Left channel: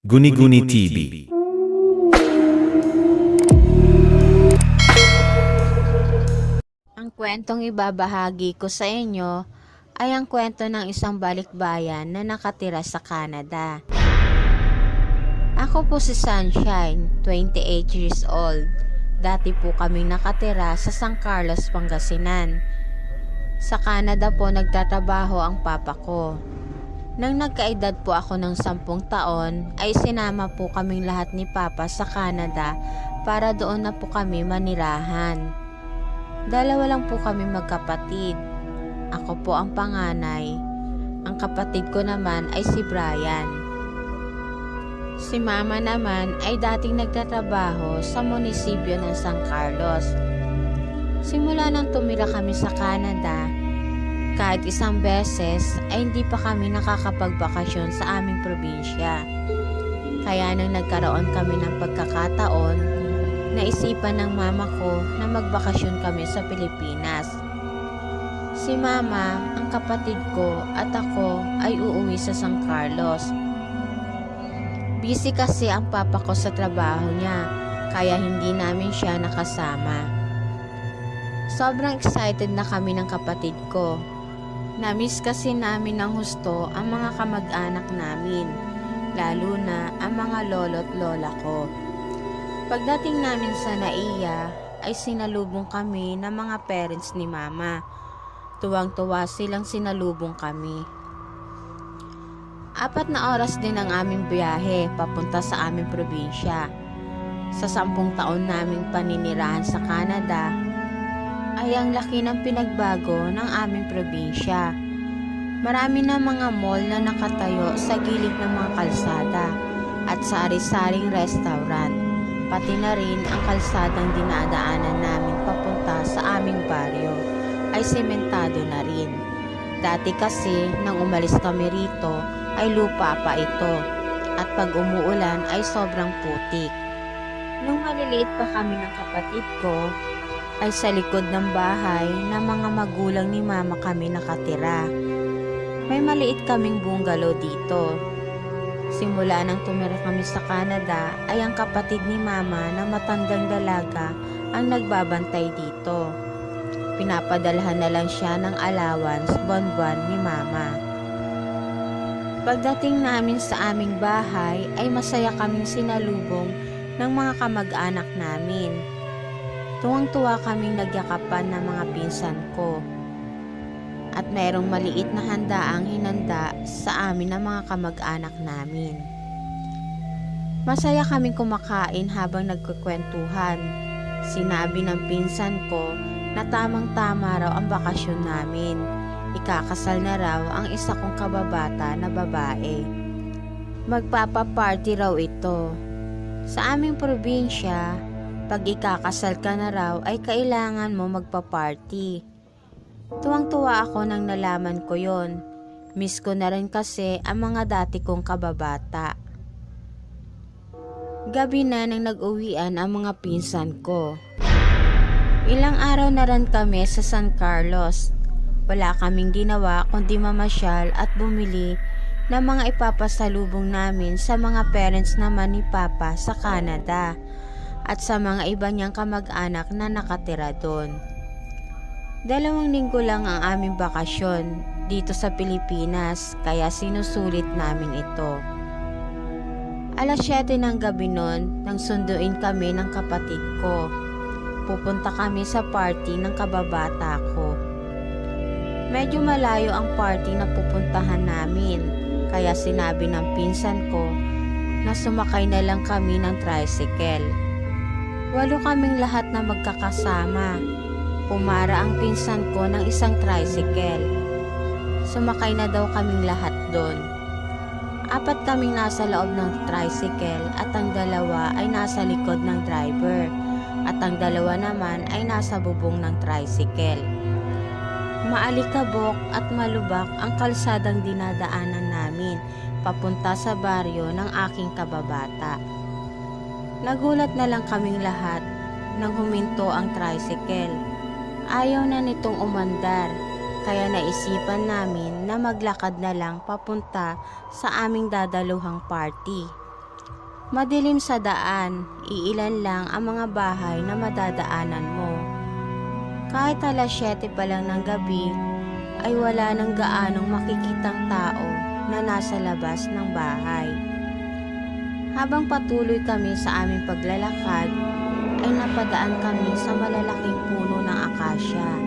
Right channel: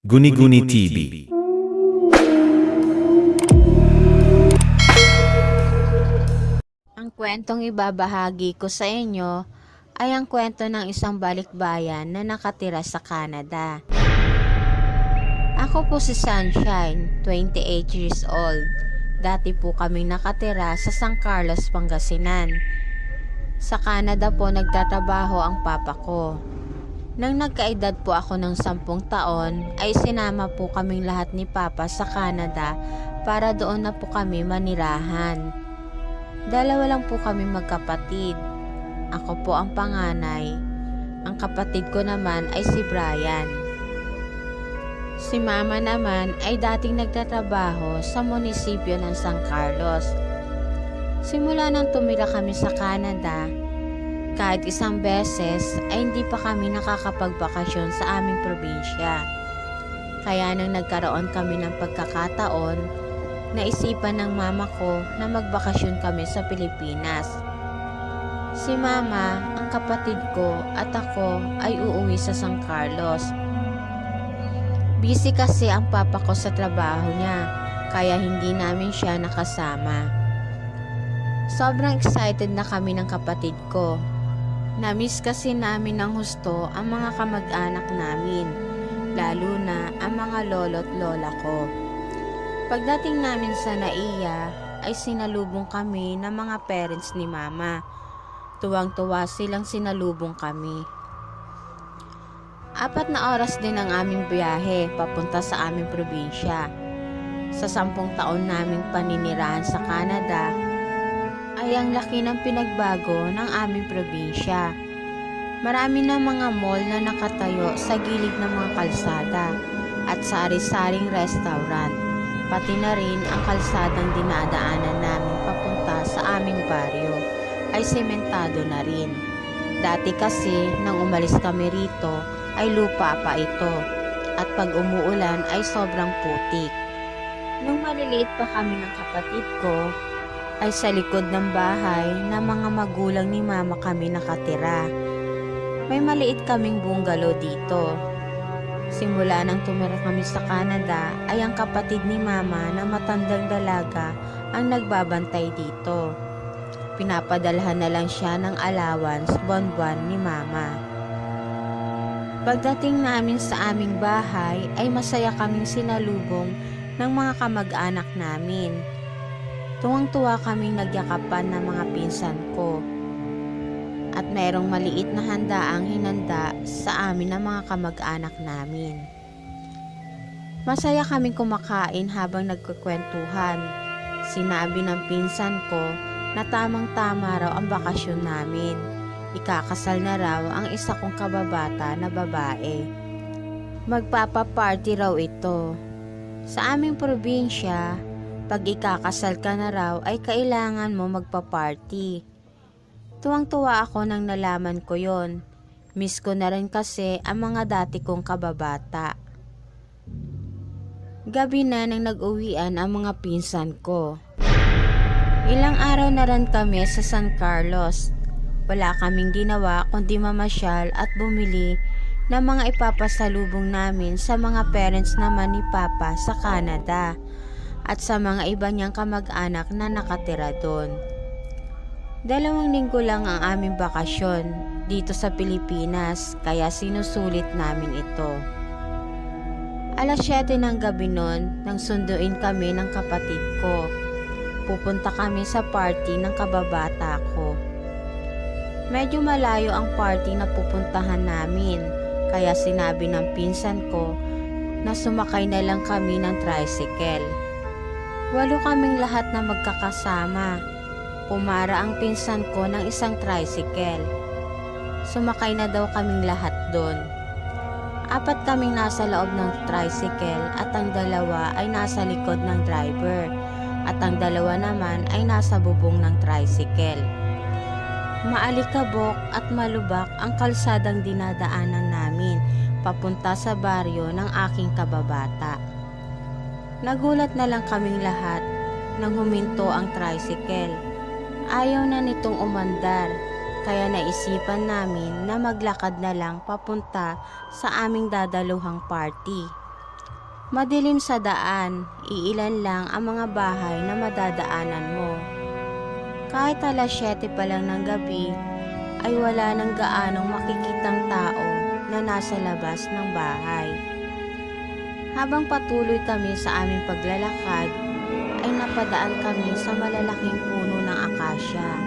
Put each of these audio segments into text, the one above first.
Guni-Guni TV. Ang kwentong ibabahagi ko sa inyo ay ang kwento ng isang balikbayan na nakatira sa Canada. Ako po si Sunshine, 28 years old. Dati po kaming nakatira sa San Carlos, Pangasinan. Sa Canada po nagtatrabaho ang papa ko. Nang nagkaedad po ako ng 10 taon, ay sinama po kaming lahat ni Papa sa Canada para doon na po kami manirahan. Dalawa lang po kami magkapatid. Ako po ang panganay. Ang kapatid ko naman ay si Brian. Si Mama naman ay dating nagtatrabaho sa munisipyo ng San Carlos. Simula nang tumira kami sa Canada, kahit isang beses ay hindi pa kami nakakapagbakasyon sa aming probinsya. Kaya nang nagkaroon kami ng pagkakataon, naisipan ng mama ko na magbakasyon kami sa Pilipinas. Si Mama, ang kapatid ko at ako ay uuwi sa San Carlos. Busy kasi ang papa ko sa trabaho niya, kaya hindi namin siya nakasama. Sobrang excited na kami ng kapatid ko. Namiss kasi namin ng husto ang mga kamag-anak namin, lalo na ang mga lolo't lola ko. Pagdating namin sa Naiya ay sinalubong kami ng mga parents ni Mama. Tuwang-tuwa silang sinalubong kami. 4 na oras din ang aming biyahe papunta sa aming probinsya. Sa 10 taon naming paninirahan sa Canada, ay ang laki ng pinagbago ng aming probinsya. Marami na mga mall na nakatayo sa gilid ng mga kalsada at sari-saring restaurant, pati na rin ang kalsadang dinadaanan namin papunta sa aming baryo ay sementado na rin. Dati kasi nang umalis kami rito ay lupa pa ito at pag umuulan ay sobrang putik. Nung maliliit pa kami ng kapatid ko, ay sa likod ng bahay na mga magulang ni Mama kami nakatira. May maliit kaming bungalow dito. Simula nang tumira kami sa Canada ay ang kapatid ni Mama na matandang dalaga ang nagbabantay dito. Pinapadalhan na lang siya ng allowance buwan-buwan ni Mama. Pagdating namin sa aming bahay ay masaya kaming sinalubong ng mga kamag-anak namin. Tuwang-tuwa kaming nagyakapan ng mga pinsan ko. At mayroong maliit na handaang hinanda sa amin ng mga kamag-anak namin. Masaya kaming kumakain habang nagkukwentuhan. Sinabi ng pinsan ko na tamang-tama raw ang bakasyon namin. Ikakasal na raw ang isa kong kababata na babae. Magpapaparty raw ito. Sa aming probinsya, pag ikakasal ka na raw ay kailangan mo magpa-party. Tuwang-tuwa ako nang nalaman ko yon. Miss ko na rin kasi ang mga dati kong kababata. Gabi na nang nag-uwian ang mga pinsan ko. Ilang araw na rin kami sa San Carlos. Wala kaming ginawa kundi mamasyal at bumili ng mga ipapasalubong namin sa mga parents naman ni Papa sa Canada at sa mga iba niyang kamag-anak na nakatira doon. 2 linggo lang ang aming bakasyon dito sa Pilipinas kaya sinusulit namin ito. 7:00 ng gabi noon nang sunduin kami ng kapatid ko. Pupunta kami sa party ng kababata ko. Medyo malayo ang party na pupuntahan namin kaya sinabi ng pinsan ko na sumakay na lang kami ng tricycle. 8 kaming lahat na magkakasama. Pumara ang pinsan ko ng isang tricycle. Sumakay na daw kaming lahat doon. 4 kaming nasa loob ng tricycle at ang 2 ay nasa likod ng driver at ang 2 naman ay nasa bubong ng tricycle. Maalikabok at malubak ang kalsadang dinadaanan namin papunta sa baryo ng aking kababata. Nagulat na lang kaming lahat nang huminto ang tricycle. Ayaw na nitong umandar, kaya naisipan namin na maglakad na lang papunta sa aming dadaluhang party. Madilim sa daan, iilan lang ang mga bahay na madadaanan mo. Kahit 7:00 pa lang ng gabi, ay wala nang gaanong makikitang tao na nasa labas ng bahay. Habang patuloy kami sa aming paglalakad, ay napadaan kami sa malalaking puno ng akasya.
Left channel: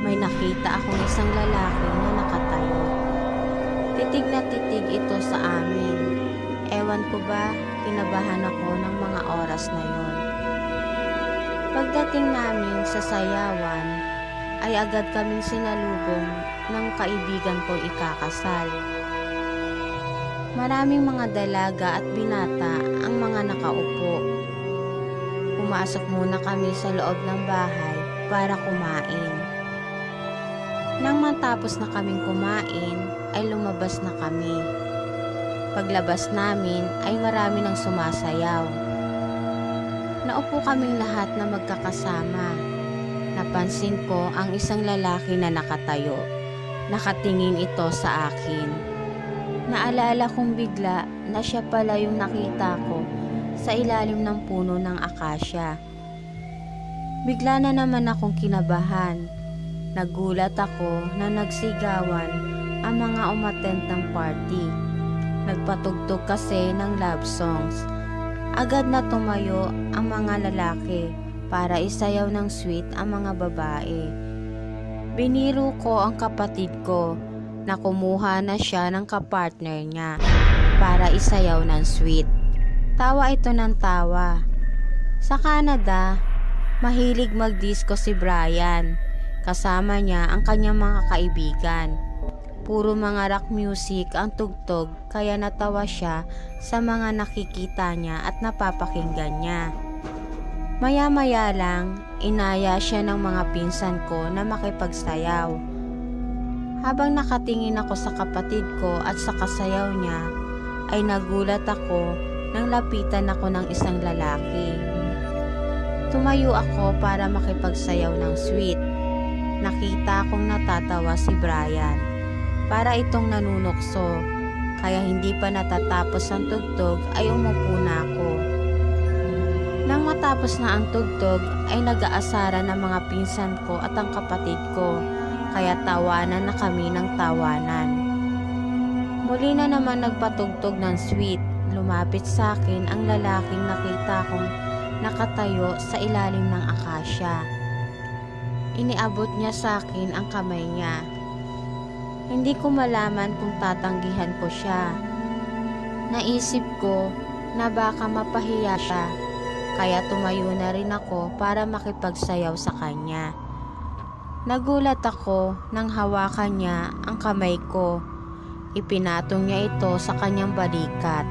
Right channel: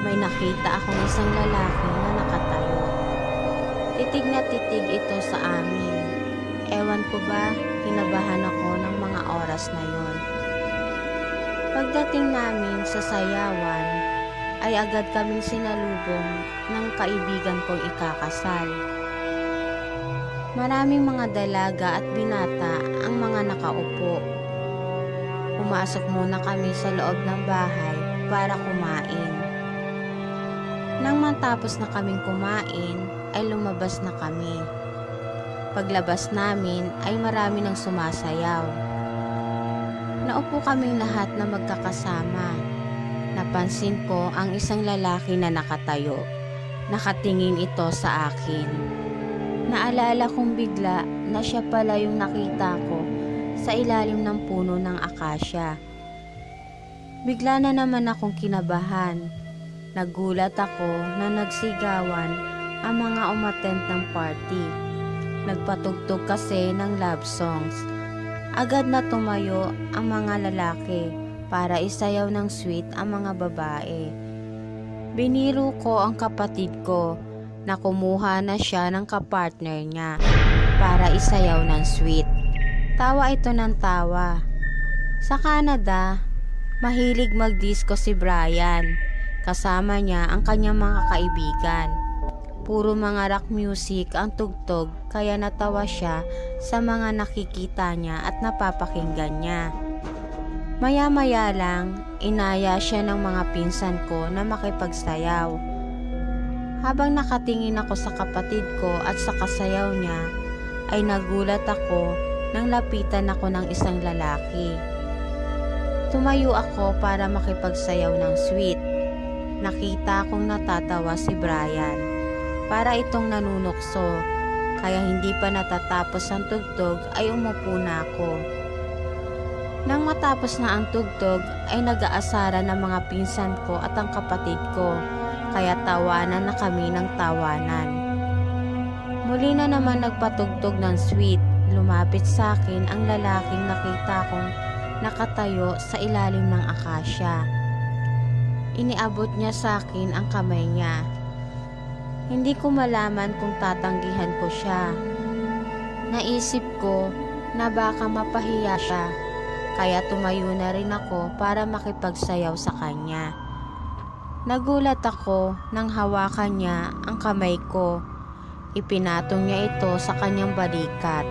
May nakita akong isang lalaki na nakatayo. Titig na titig ito sa amin. Ewan ko ba, kinabahan ako ng mga oras na yon. Pagdating namin sa sayawan, ay agad kaming sinalubong ng kaibigan kong ikakasal. Maraming mga dalaga at binata ang mga nakaupo. Pumasok muna kami sa loob ng bahay para kumain. Nang matapos na kaming kumain, ay lumabas na kami. Paglabas namin ay marami nang sumasayaw. Naupo kaming lahat na magkakasama. Napansin ko ang isang lalaki na nakatayo. Nakatingin ito sa akin. Naalala kong bigla na siya pala yung nakita ko sa ilalim ng puno ng akasya. Bigla na naman akong kinabahan. Nagulat ako na nagsigawan ang mga umattend ng party. Nagpatugtog kasi ng love songs. Agad na tumayo ang mga lalaki para isayaw ng sweet ang mga babae. Biniro ko ang kapatid ko na kumuha na siya ng kapartner niya para isayaw ng sweet. Tawa ito ng tawa. Sa Canada, mahilig mag-disco si Brian. Kasama niya ang kanyang mga kaibigan. Puro mga rock music ang tugtog kaya natawa siya sa mga nakikita niya at napapakinggan niya. Maya-maya lang, inaya siya ng mga pinsan ko na makipagsayaw. Habang nakatingin ako sa kapatid ko at sa kasayaw niya, ay nagulat ako nang lapitan ako ng isang lalaki. Tumayo ako para makipagsayaw ng sweet. Nakita kong natatawa si Brian. Para itong nanunukso, kaya hindi pa natatapos ang tugtog ay umupo na ako. Nang matapos na ang tugtog ay nag-aasara ng mga pinsan ko at ang kapatid ko, kaya tawanan na kami ng tawanan. Muli na naman nagpatugtog ng sweet. Lumapit sa akin ang lalaking nakita kong nakatayo sa ilalim ng akasya. Iniabot niya sa akin ang kamay niya. Hindi ko malaman kung tatanggihan ko siya. Naisip ko na baka mapahiya siya, kaya tumayo na rin ako para makipagsayaw sa kanya. Nagulat ako nang hawakan niya ang kamay ko. Ipinatong niya ito sa kanyang balikat.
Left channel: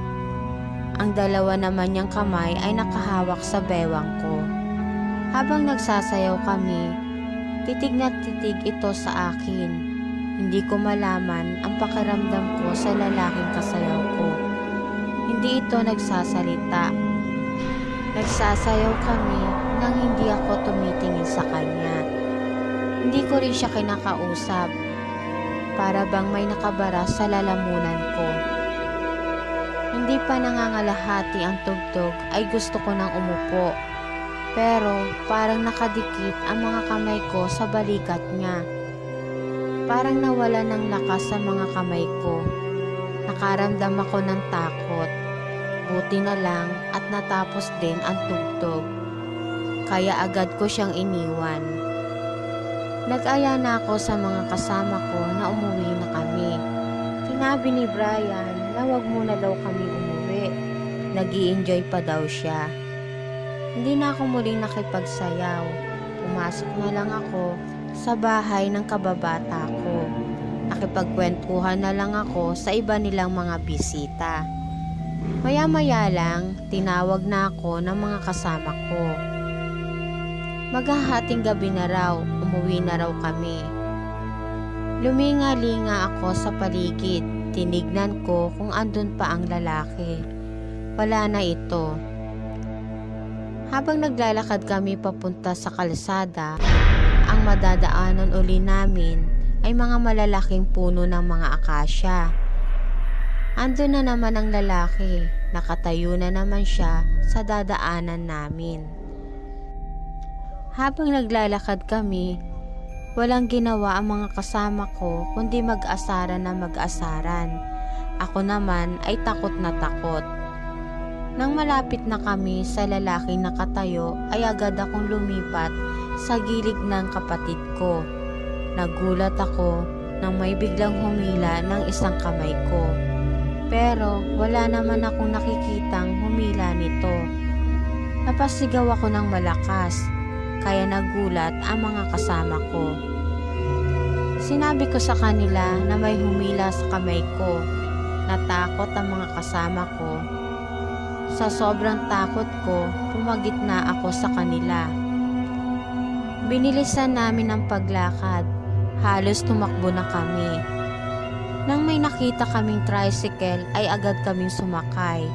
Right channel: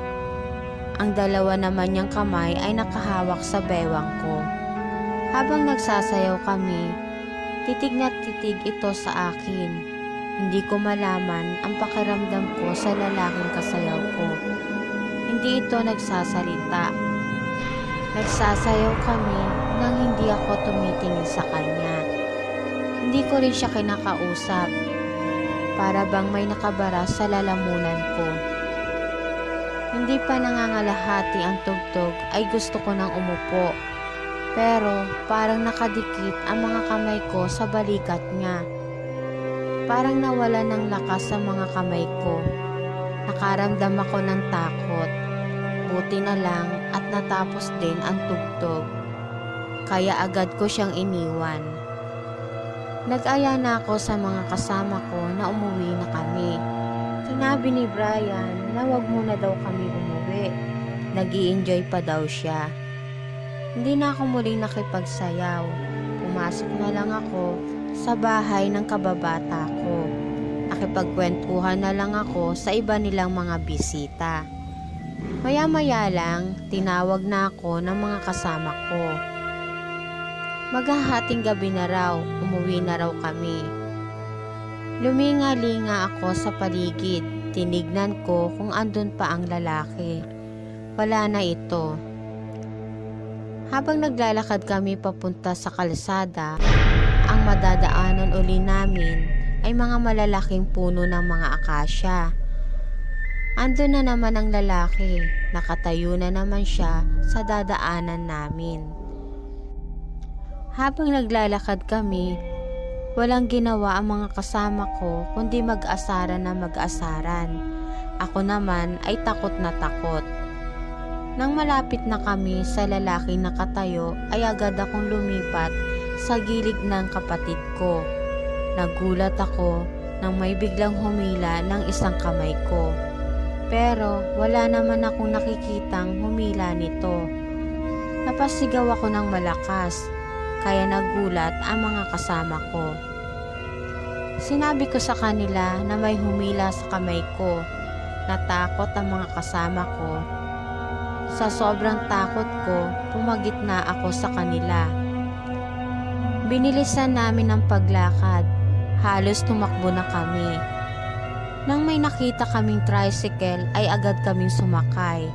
Ang dalawa naman niyang kamay ay nakahawak sa bewang ko. Habang nagsasayaw kami, titig na titig ito sa akin. Hindi ko malaman ang pakiramdam ko sa lalaking kasayaw ko. Hindi ito nagsasalita. Nagsasayaw kami nang hindi ako tumitingin sa kanya. Hindi ko rin siya kinakausap. Para bang may nakabara sa lalamunan ko. Hindi pa nangangalahati ang tugtog ay gusto ko nang umupo. Pero parang nakadikit ang mga kamay ko sa balikat niya. Parang nawala ng lakas sa mga kamay ko. Nakaramdam ako ng takot. Buti na lang at natapos din ang tugtog. Kaya agad ko siyang iniwan. Nag-aya na ako sa mga kasama ko na umuwi na kami. Sinabi ni Brian na wag muna daw kami umuwi. Nag-i-enjoy pa daw siya. Hindi na ako muling nakipagsayaw. Pumasok na lang ako sa bahay ng kababata ko. Nakipagkwentuhan na lang ako sa iba nilang mga bisita. Maya-maya lang, tinawag na ako ng mga kasama ko. Maghahating gabi na raw, umuwi na raw kami. Luminga-linga ako sa paligid, tinignan ko kung andun pa ang lalaki. Wala na ito. Habang naglalakad kami papunta sa kalsada, ang madadaanan uli namin ay mga malalaking puno ng mga akasya. Ando na naman ang lalaki, nakatayo na naman siya sa dadaanan namin. Habang naglalakad kami, walang ginawa ang mga kasama ko kundi mag-asaran na mag-asaran. Ako naman ay takot na takot. Nang malapit na kami sa lalaking nakatayo ay agad akong lumipat sa gilid ng kapatid ko. Nagulat ako nang may biglang humila ng isang kamay ko. Pero wala naman akong nakikitang humila nito. Napasigaw ako ng malakas, kaya nagulat ang mga kasama ko. Sinabi ko sa kanila na may humila sa kamay ko. Natakot ang mga kasama ko. Sa sobrang takot ko, pumagitna ako sa kanila. Binilisan namin ang paglakad. Halos tumakbo na kami. Nang may nakita kaming tricycle ay agad kaming sumakay.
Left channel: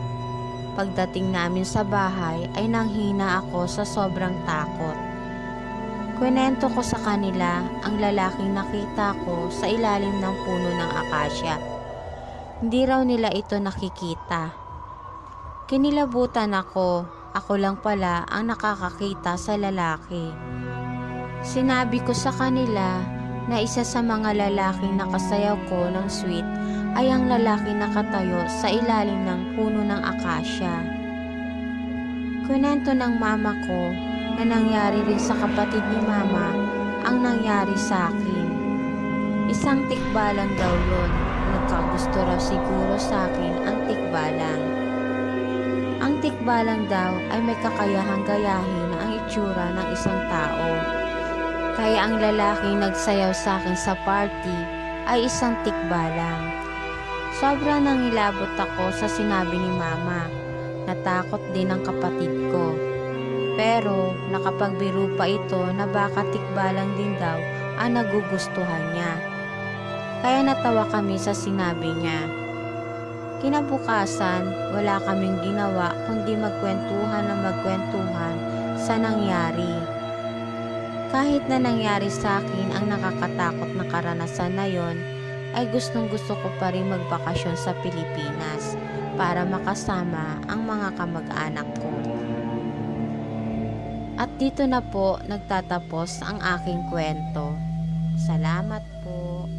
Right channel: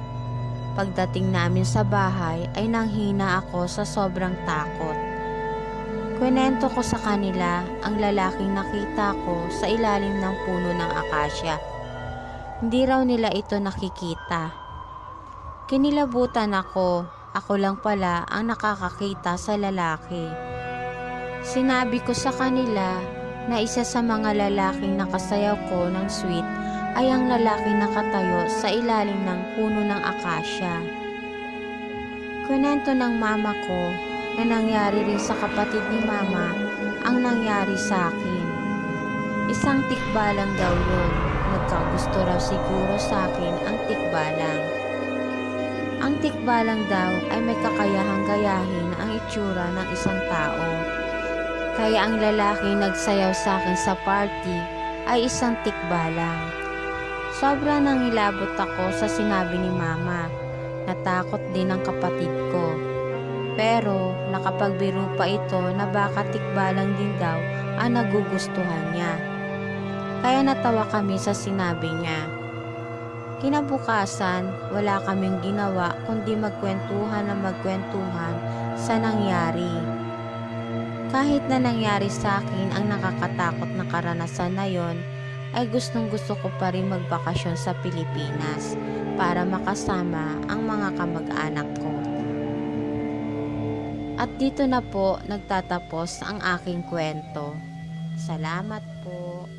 Pagdating namin sa bahay ay nanghina ako sa sobrang takot. Kwento ko sa kanila ang lalaking nakita ko sa ilalim ng puno ng akasya. Hindi raw nila ito nakikita. Kinilabutan ako lang pala ang nakakakita sa lalaki. Sinabi ko sa kanila na isa sa mga lalaking nakasayaw ko ng sweet ay ang lalaki nakatayo sa ilalim ng puno ng akasya. Kwento ng mama ko na nangyari rin sa kapatid ni mama ang nangyari sa akin. Isang tikbalang daw yon. Nagkagusto raw siguro sa akin ang tikbalang. Ang tikbalang daw ay may kakayahang gayahin ang itsura ng isang tao. Kaya ang lalaking nagsayaw sa akin sa party ay isang tikbalang. Sobra nang ilabot ako sa sinabi ni mama. Natakot din ang kapatid ko. Pero nakapagbiro pa ito na baka tikbalang din daw ang nagugustuhan niya. Kaya natawa kami sa sinabi niya. Kinabukasan, wala kaming ginawa kundi magkwentuhan sa nangyari. Kahit na nangyari sa akin ang nakakatakot na karanasan na yon, ay gustong gusto ko pa rin magbakasyon sa Pilipinas para makasama ang mga kamag-anak ko. At dito na po nagtatapos ang aking kwento. Salamat po.